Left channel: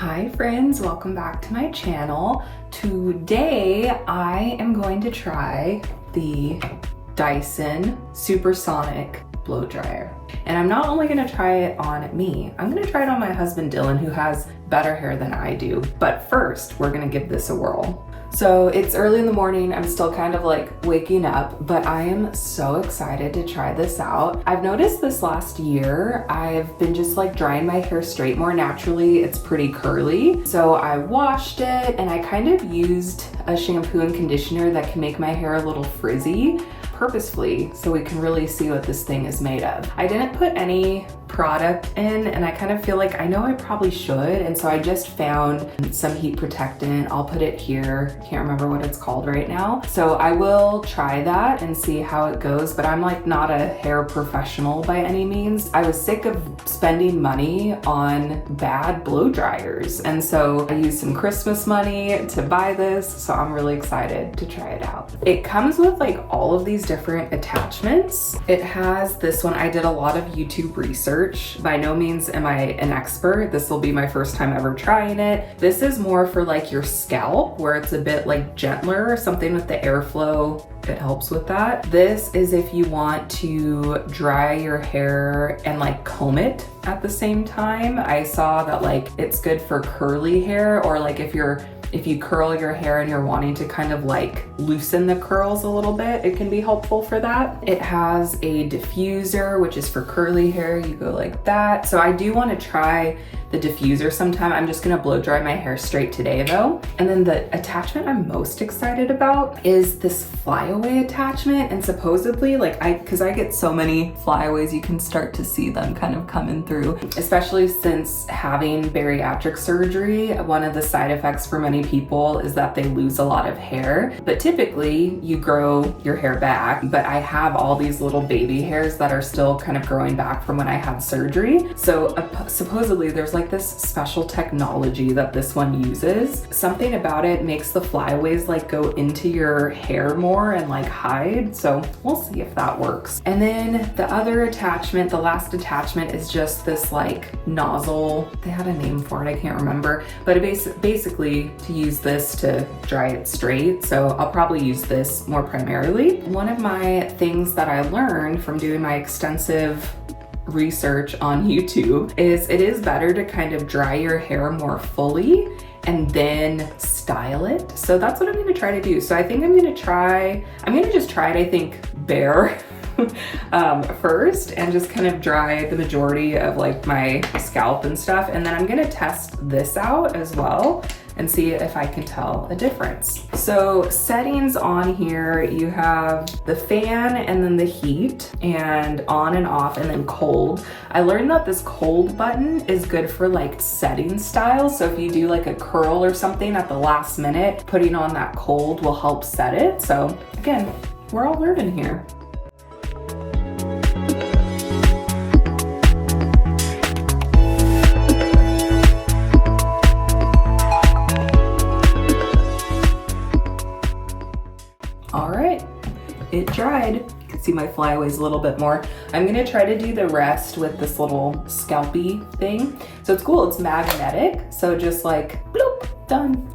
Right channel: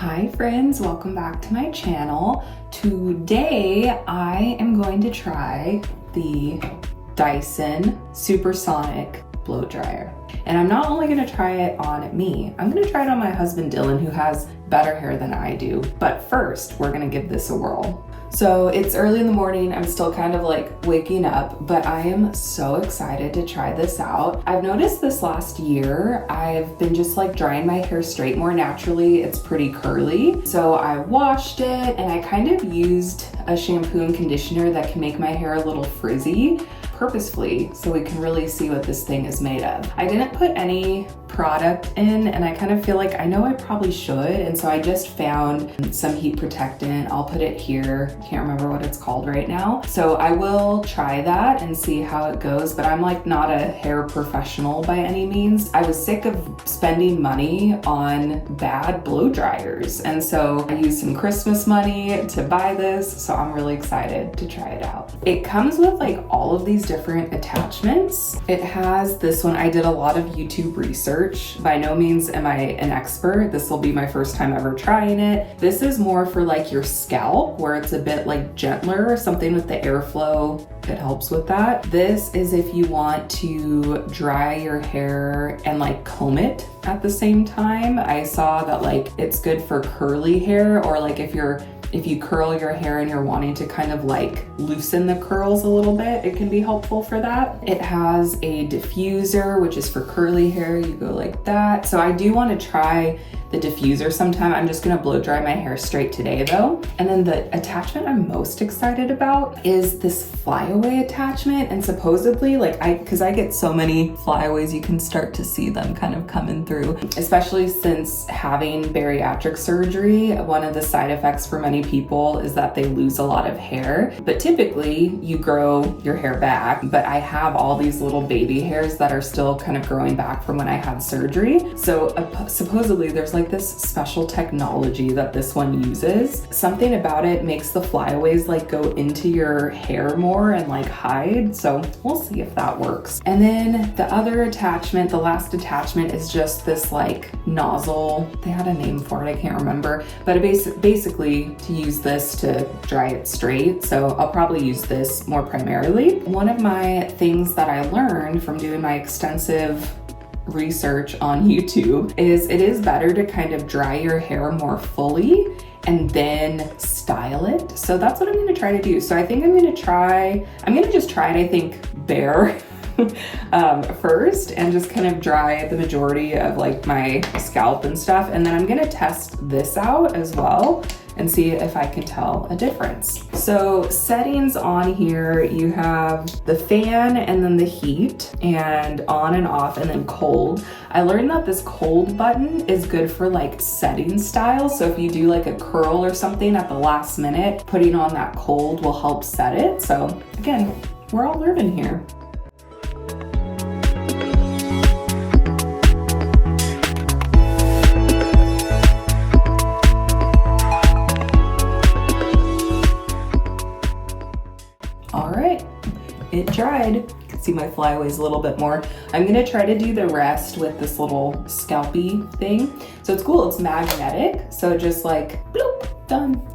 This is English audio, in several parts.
Hi friends, welcome back to my channel. Today I am going to try the Dyson Supersonic blow dryer. And I'm not only gonna try it on me, I'm gonna try it on my husband Dylan, who has better hair than I do. But first, we're gonna give this a whirl. So it's early in the morning, I'm still kind of like waking up, but I am so excited to try this out. I've noticed this last year, I've been just like drying my hair straight more naturally. It's pretty curly. So I washed it and I kind of used a shampoo and conditioner that can make my hair a little frizzy purposefully so we can really see what this thing is made of. I didn't put any product in and I kind of feel like I know I probably should, and so I just found some heat protectant. I'll put it here. Can't remember what it's called right now. So I will try that and see how it goes, but I'm like not a hair professional by any means. I was sick of spending money on bad blow dryers, and so I used some Christmas money to buy this, so I'm really excited to try it out. It comes with like all of these different attachments. It has this one. I did a lot of YouTube research. By no means am I an expert. This will be my first time ever trying it. This is more for like your scalp, where it's a bit like gentler, something with the airflow that helps with that. This is if you want to dry your hair and like comb it at the same time. I saw that like it's good for curly hair, or like if you curl your hair and you're wanting to kind of like loosen the curls a little bit, it can be helpful for that. It has a diffuser, which is for curly hair. You go like that. So I do want to try the diffuser sometime. I'm just gonna blow dry my hair straight today though. And then the attachment I'm most excited about is this flyaway attachment. And supposedly, like because I get so many flyaways, you can start to see them kind of coming through, especially since having bariatric surgery. One of the side effects for many people is that they lose a lot of hair, but typically you grow your hair back. But I have all these little baby hairs that are still kind of growing back from when I had surgery. So supposedly there's like this special technology that this one uses. Something about it makes the flyaways like go into your hair more and like hide. So we'll see if that works. And then the other attachment, the last attachment, is just this like nozzle. They had a name for it, I can't remember, but it basically to use this to dry it straight. So I'll probably use this more primarily. One of my things that I learned from doing my extensive research on YouTube is it is better to kind of dry your hair more fully and then style it. So that's what I'm going to try to do. So I think I'm going to just try it, I think, bare first, and just kind of dry the majority of like my scalp and stuff. And then I'm going to test this out as well and see if I can tell a difference. So settings on here, you have the fan and then the heat and on and off and then cold. I learned that this cold button is good for like setting styles. So if you do like a curl or something at the last minute, putting on that cold will help set it. So again, we're all learning here. It dried. You can see my flyaways a little bit more. I'm gonna try to do the rest with this little scalpy thing. So it's cool, it's magnetic. So just like, bloop, done.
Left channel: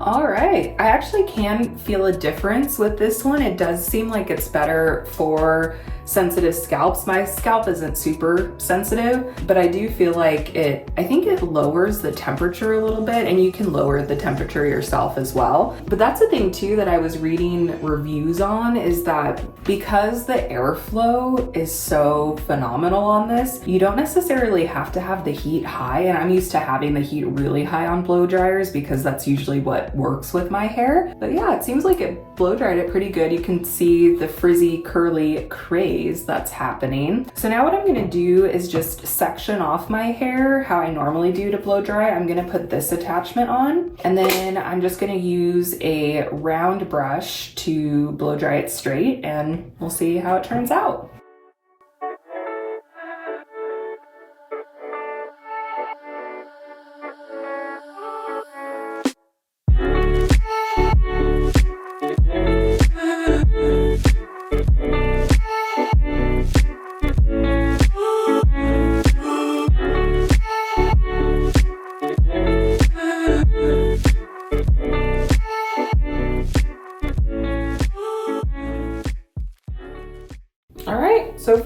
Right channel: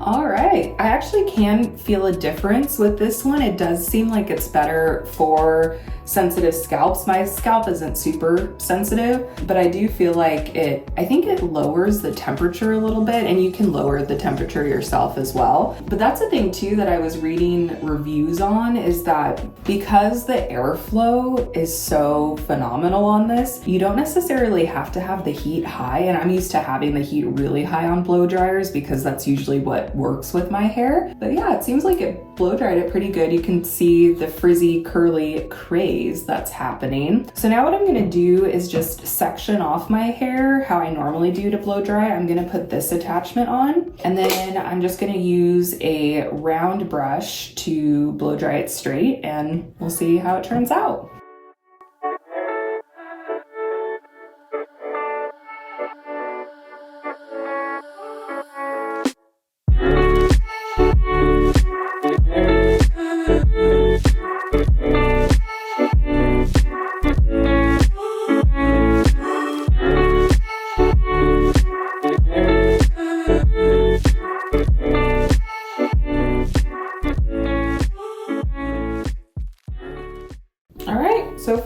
All right, I actually can feel a difference with this one. It does seem like it's better for sensitive scalps. My scalp isn't super sensitive, but I do feel like I think it lowers the temperature a little bit, and you can lower the temperature yourself as well. But that's the thing too that I was reading reviews on, is that because the airflow is so phenomenal on this, you don't necessarily have to have the heat high. And I'm used to having the heat really high on blow dryers because that's usually what works with my hair. But yeah, it seems like it blow dried it pretty good. You can see the frizzy, curly craze that's happening. So now what I'm gonna do is just section off my hair how I normally do to blow dry. I'm gonna put this attachment on, and then I'm just gonna use a round brush to blow dry it straight, and we'll see how it turns out.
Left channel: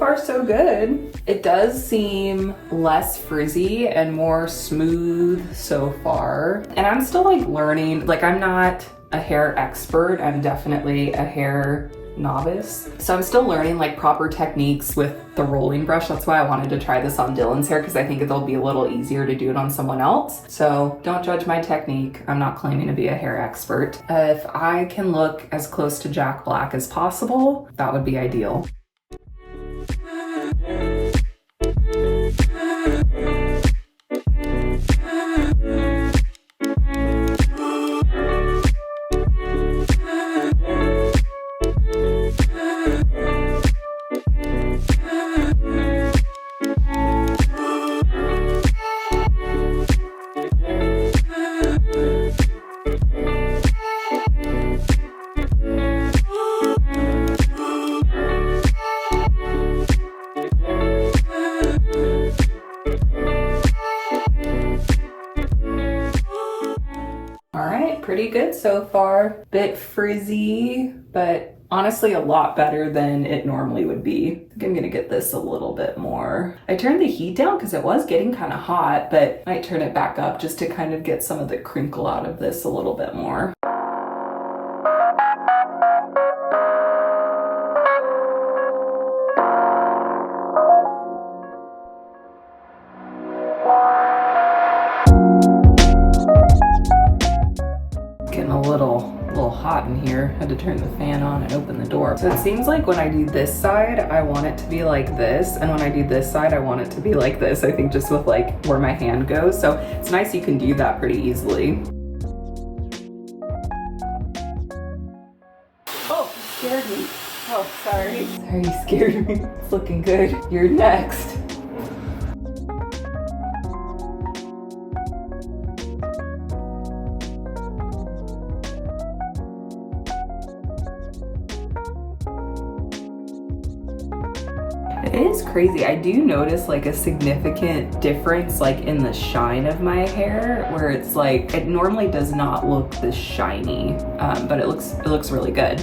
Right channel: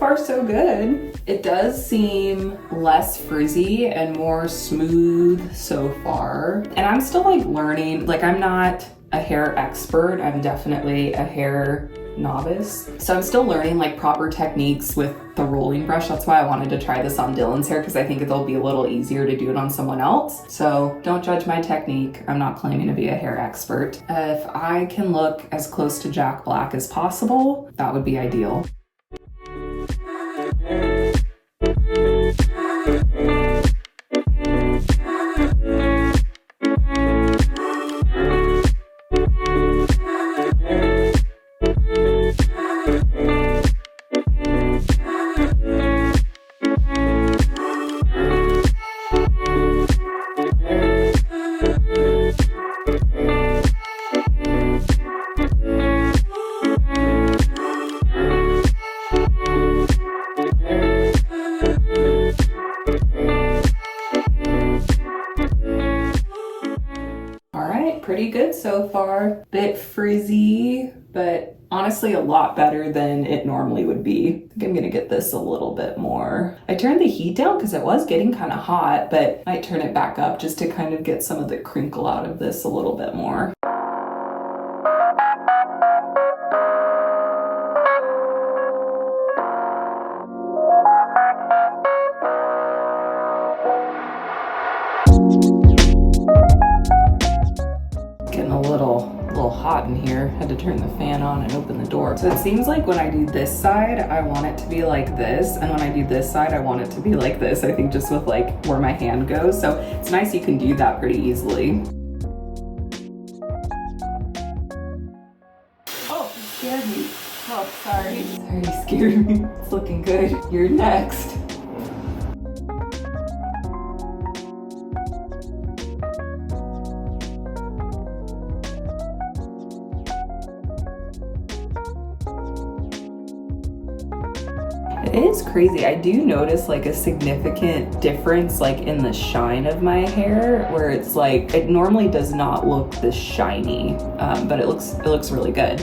far so good. It does seem less frizzy and more smooth so far. And I'm still like learning, like I'm not a hair expert, I'm definitely a hair novice. So I'm still learning like proper techniques with the rolling brush. That's why I wanted to try this on Dylan's hair, because I think it'll be a little easier to do it on someone else. So don't judge my technique. I'm not claiming to be a hair expert. If I can look as close to Jack Black as possible, that would be ideal. Pretty good so far. Bit frizzy, but honestly a lot better than it normally would be. I think I'm gonna get this a little bit more. I turned the heat down because it was getting kind of hot, but I might turn it back up just to kind of get some of the crinkle out of this a little bit more. Hot in here. Had to turn the fan on and open the door. So it seems like when I do this side, I want it to be like this, and when I do this side, I want it to be like this. I think just with like where my hand goes. So it's nice you can do that pretty easily. Oh, you scared me. Oh, sorry. Sorry, you scared me. It's looking good. You're next. It is crazy. I do notice like a significant difference like in the shine of my hair, where it's like, it normally does not look this shiny, but it looks really good.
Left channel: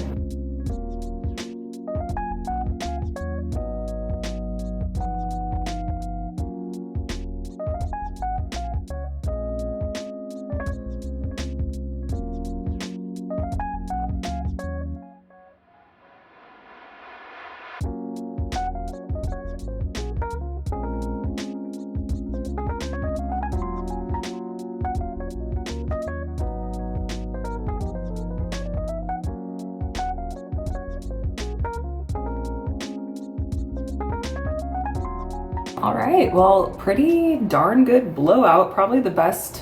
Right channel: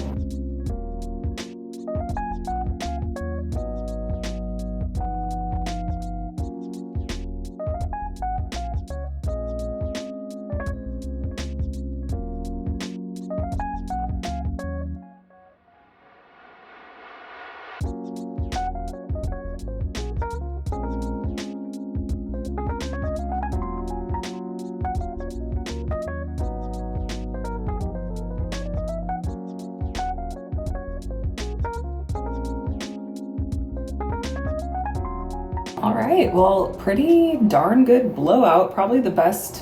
All right, well, pretty darn good blowout. Probably the best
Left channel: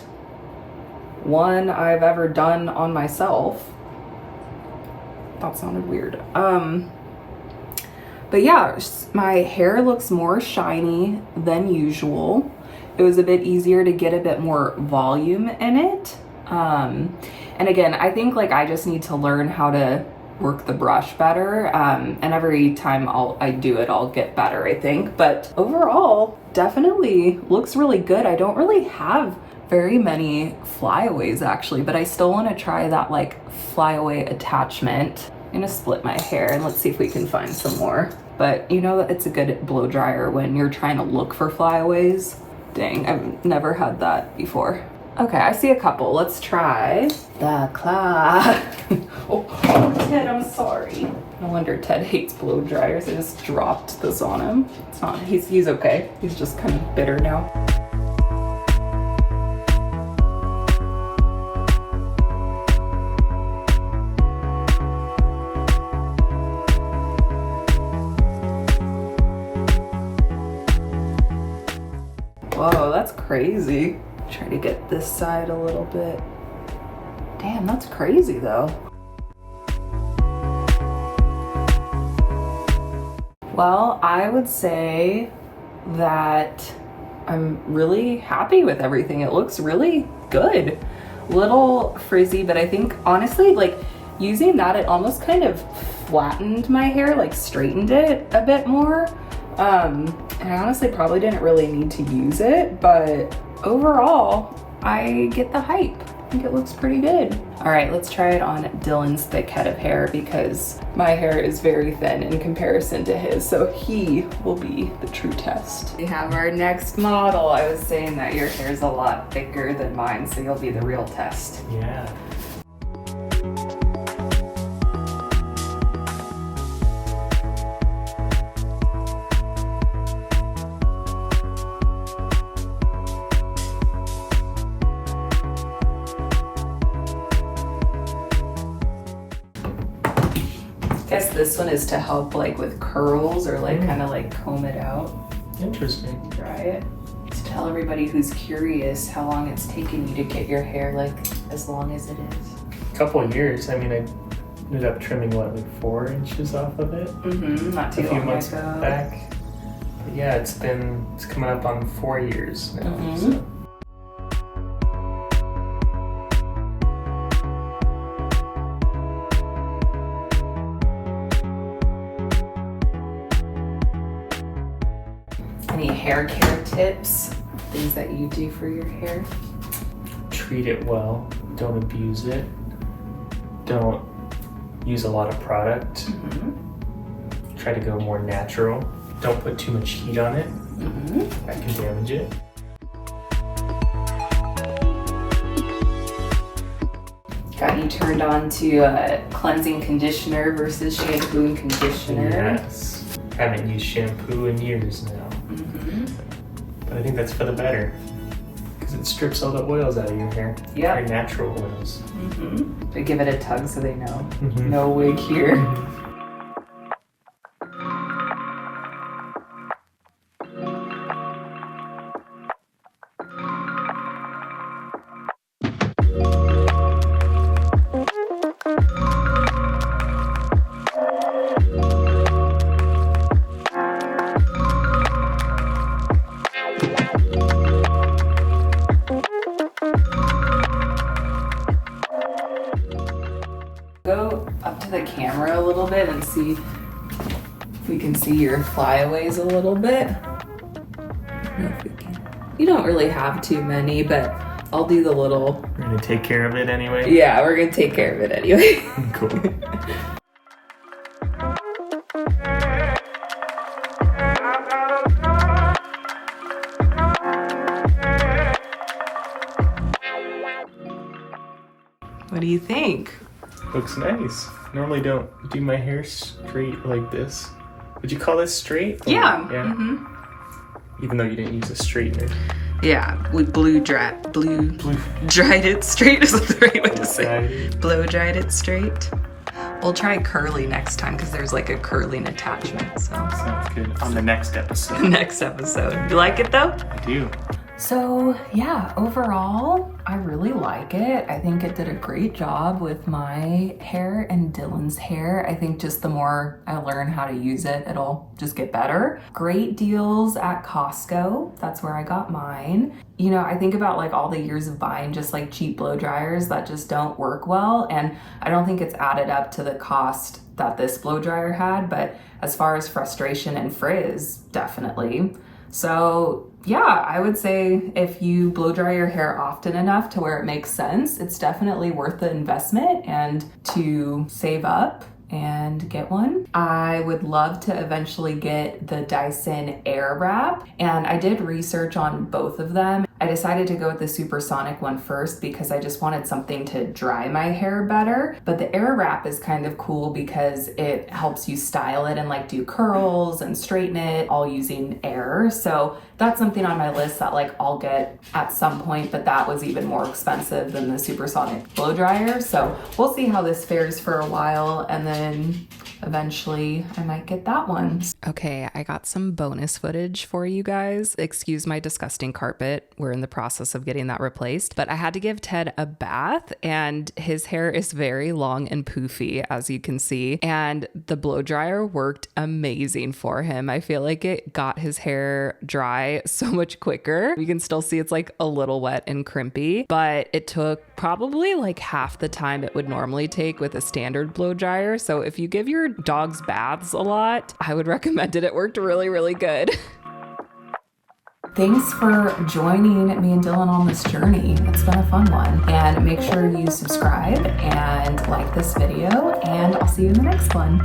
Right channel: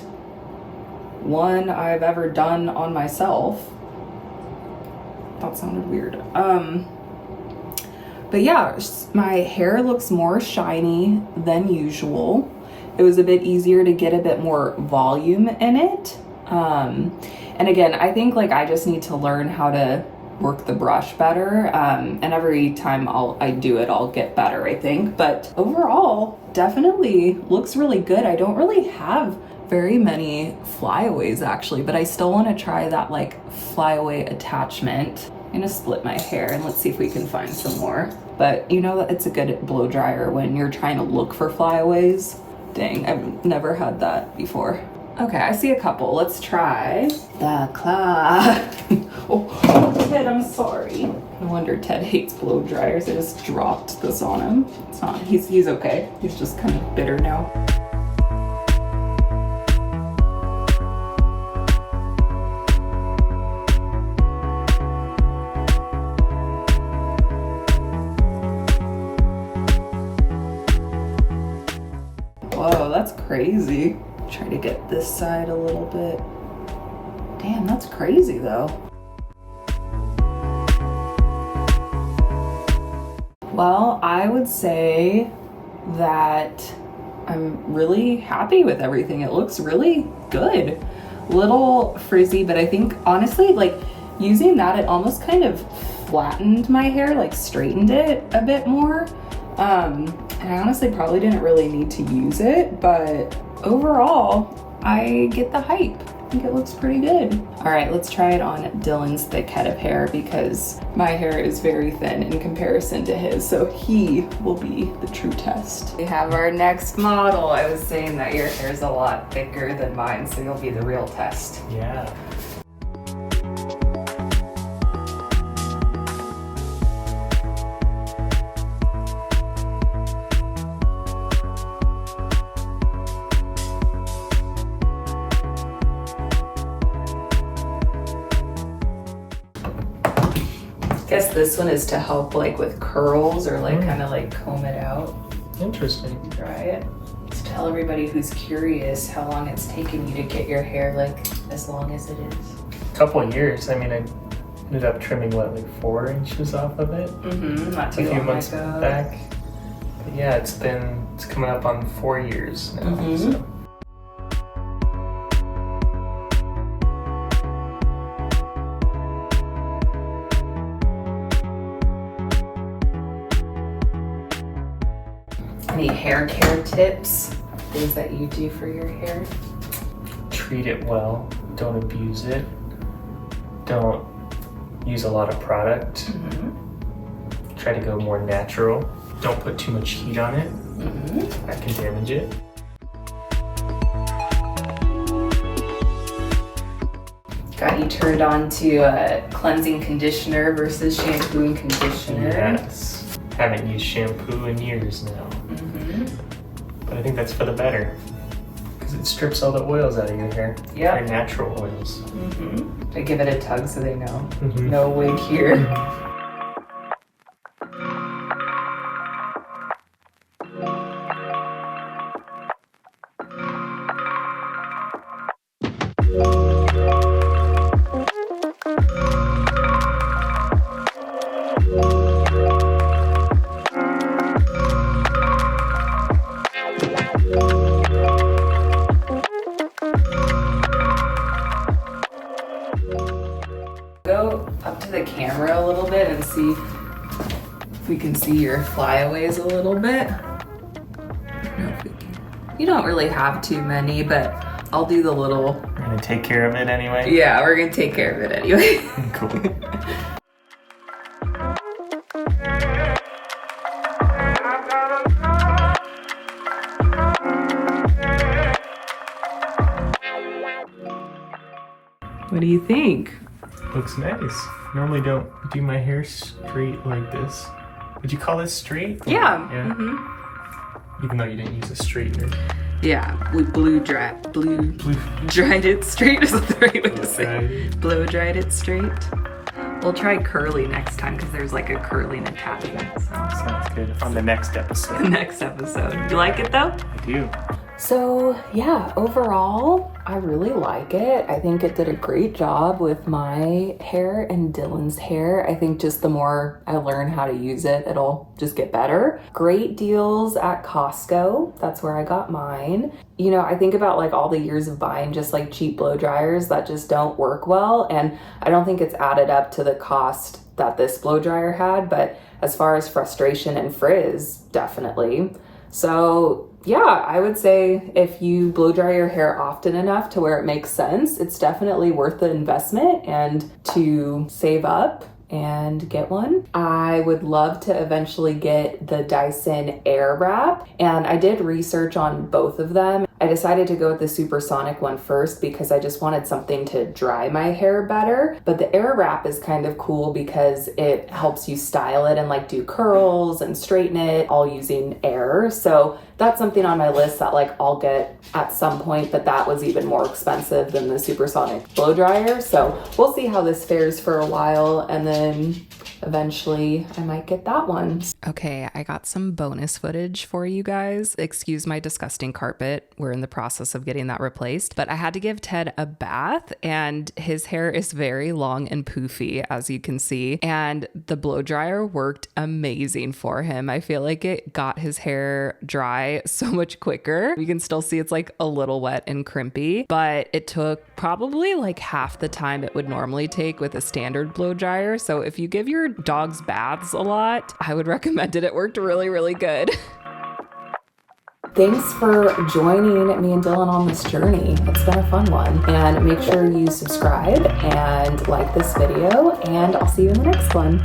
one I've ever done on myself. That sounded weird. But yeah, my hair looks more shiny than usual. It was a bit easier to get a bit more volume in it. And again, I think like I just need to learn how to work the brush better, and every time I do it, I'll get better, I think. But overall, definitely looks really good. I don't really have very many flyaways actually, but I still want to try that like flyaway attachment. I'm gonna split my hair and let's see if we can find some more. But you know, it's a good blow dryer when you're trying to look for flyaways. Dang, I've never had that before. Okay, I see a couple. Let's try the claw. Oh, Ted, I'm sorry. No wonder Ted hates blow dryers. I just dropped this on him. It's not, he's okay. He's just kind of bitter now. Whoa, that's crazy. Try to get this side a little bit. Damn, that's crazy though. Well, I would say that I'm really happy with everything. It looks really good. Little frizzy, but I think honestly, like using that, it almost kind of flattened my hair, like straightened it a bit more. And I honestly probably didn't really need to use it, but overall, I get the hype. I think it looks pretty good. All right, let's try it on Dylan's thick head of hair because my hair is very thin in comparison to his, so he will be the true test. We have our next model. I was saying that your hair is a lot thicker than mine, so you'll be the real test. Yeah. I guess this one is to help like with curls or like kind of like comb it out. Interesting. Try it. Let's tell everybody who's curious how long it's taken you to get your hair like as long as it is. A couple of years. I mean, I ended up trimming what, like 4 inches off of it? Not too a few long months ago. back. But yeah, it's coming up on 4 years now. So. Any hair care tips? Things that you do for your hair? Treat it well. Don't abuse it. Don't use a lot of product. Try to go more natural. Don't put too much heat on it. That can damage it. Got you turned on to cleansing conditioner versus shampoo and conditioner. Yes. Haven't used shampoo in years now. But I think that's for the better. Because it strips all the oils out of your hair. Yeah. They're natural oils. I give it a tug so they know. No wig here. Go up to the camera a little bit and see if we can see your flyaways a little bit. I don't know if we can. You don't really have too many, but I'll do the little. We're gonna take care of it anyway? Yeah, we're gonna take care of it anyway. Cool. What do you think? Looks nice. Normally don't do my hair straight like this. Would you call this straight? Yeah. Even though you didn't use a straightener. Yeah, we blow dried it straight. Is that the right way to say it? Blow dried it straight. We'll try curly next time because there's like a curling attachment. So Sounds good. On the next episode. next episode. You like it though? I do. So yeah, overall, I really like it. I think it did a great job with my hair and Dylan's hair. I think just the more I learn how to use it, it'll just get better. Great deals at Costco. That's where I got mine. You know, I think about like all the years of buying just like cheap blow dryers that just don't work well. And I don't think it's added up to the cost that this blow dryer had, but as far as frustration and frizz, definitely. So yeah, I would say if you blow dry your hair often enough to where it makes sense, it's definitely worth the investment and to save up and get one. I would love to eventually get the Dyson Airwrap, and I did research on both of them. I decided to go with the supersonic one first because I just wanted something to dry my hair better. But the Airwrap is kind of cool because it helps you style it and like do curls and straighten it all using air. So that's something on my list that like I'll get at some point, but that was even more expensive than the supersonic blow dryer. So we'll see how this fares for a while, and then eventually I might get that one. Okay, I got some bonus footage for you guys. Excuse my disgusting carpet. We're in the process of getting that replaced, but I had to give Ted a bath and his hair is very long and poofy, as you can see, and the blow dryer worked amazing for him. I feel like it got his hair dry so much quicker. You can still see it's like a little wet and crimpy, but it took probably like half the time it would normally take with a standard blow dryer. So if you give your dogs baths a lot, I would recommend it. It worked really, really good. Thanks for joining me and Dylan on this journey. It's been a fun one. And make sure you subscribe and like this video, and I'll see you in the next one.